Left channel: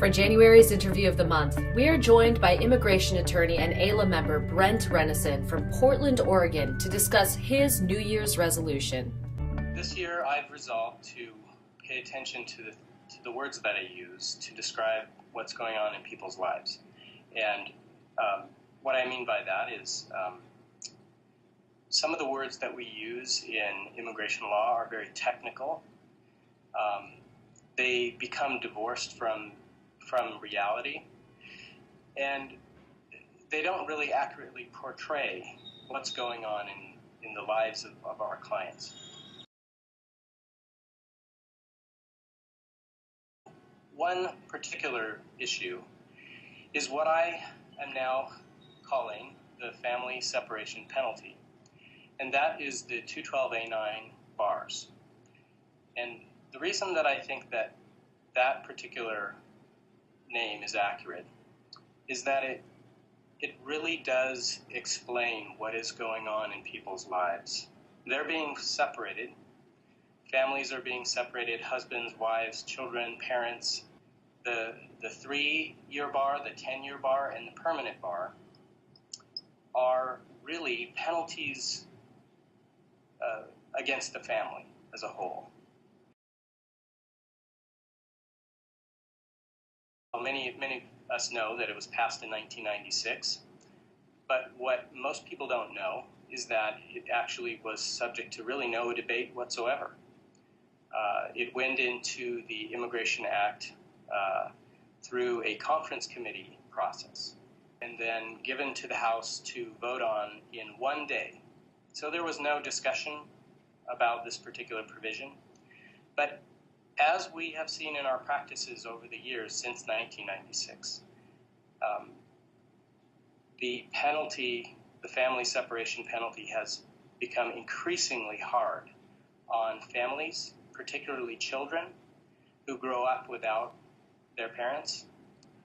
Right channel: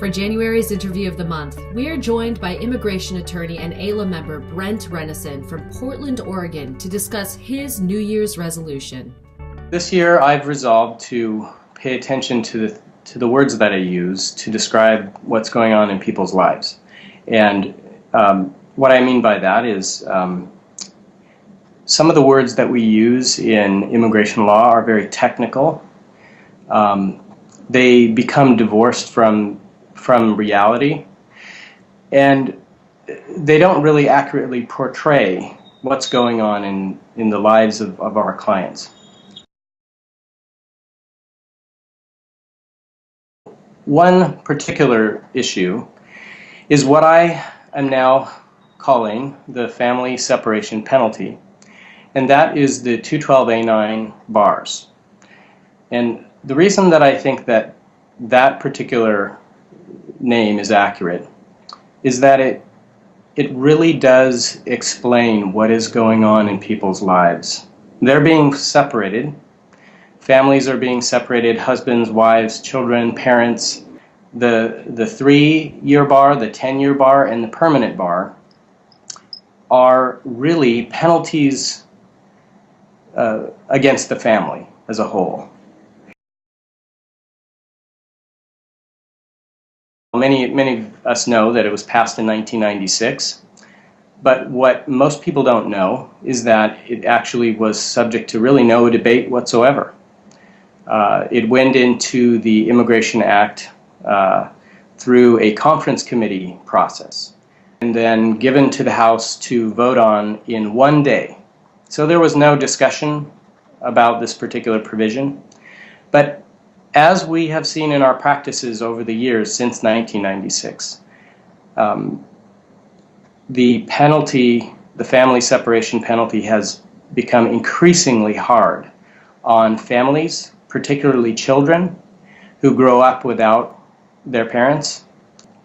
For January's interview of the month, we are joined by immigration attorney and AILA member Brent Renison from Portland, Oregon, to discuss his New Year's resolution. This year, I've resolved to pay attention to the words that I use to describe what's going on in people's lives. And what I mean by that is some of the words that we use in immigration law are very technical. They become divorced from reality, and they don't really accurately portray what's going on in the lives of our clients. One particular issue is what I am now calling the family separation penalty, and that is the 212A9 bars. And the reason that I think that particular name is accurate is that it really does explain what is going on in people's lives. They're being separated. Families are being separated, husbands, wives, children, parents. The 3-year bar, the 10-year bar, and the permanent bar are really penalties against the family as a whole. Many of us know that it was passed in 1996, but what most people don't know is that it actually was subject to really no debate whatsoever. It went into the Immigration Act through a conference committee process and then given to the House to vote on in one day. So there was no discussion about this particular provision. But as we have seen in our practices over the years since 1996, the penalty, the family separation penalty, has become increasingly hard on families, particularly children who grow up without their parents.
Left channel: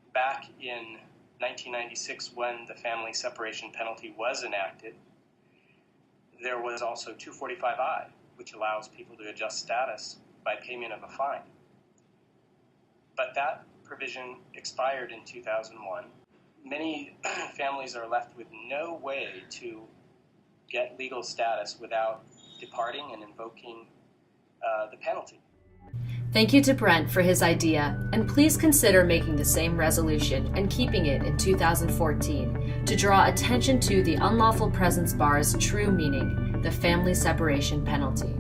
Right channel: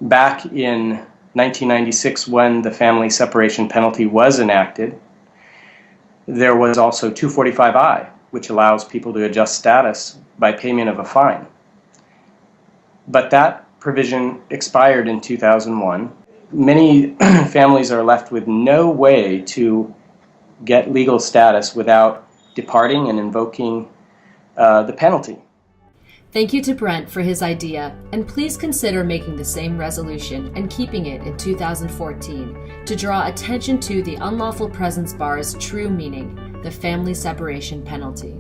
Back in 1996, when the family separation penalty was enacted, there was also 245I, which allows people to adjust status by payment of a fine. But that provision expired in 2001. Many families are left with no way to get legal status without departing and invoking the penalty. Thank you to Brent for his idea, and please consider making the same resolution and keeping it in 2014 to draw attention to the unlawful presence bar's true meaning, the family separation penalty.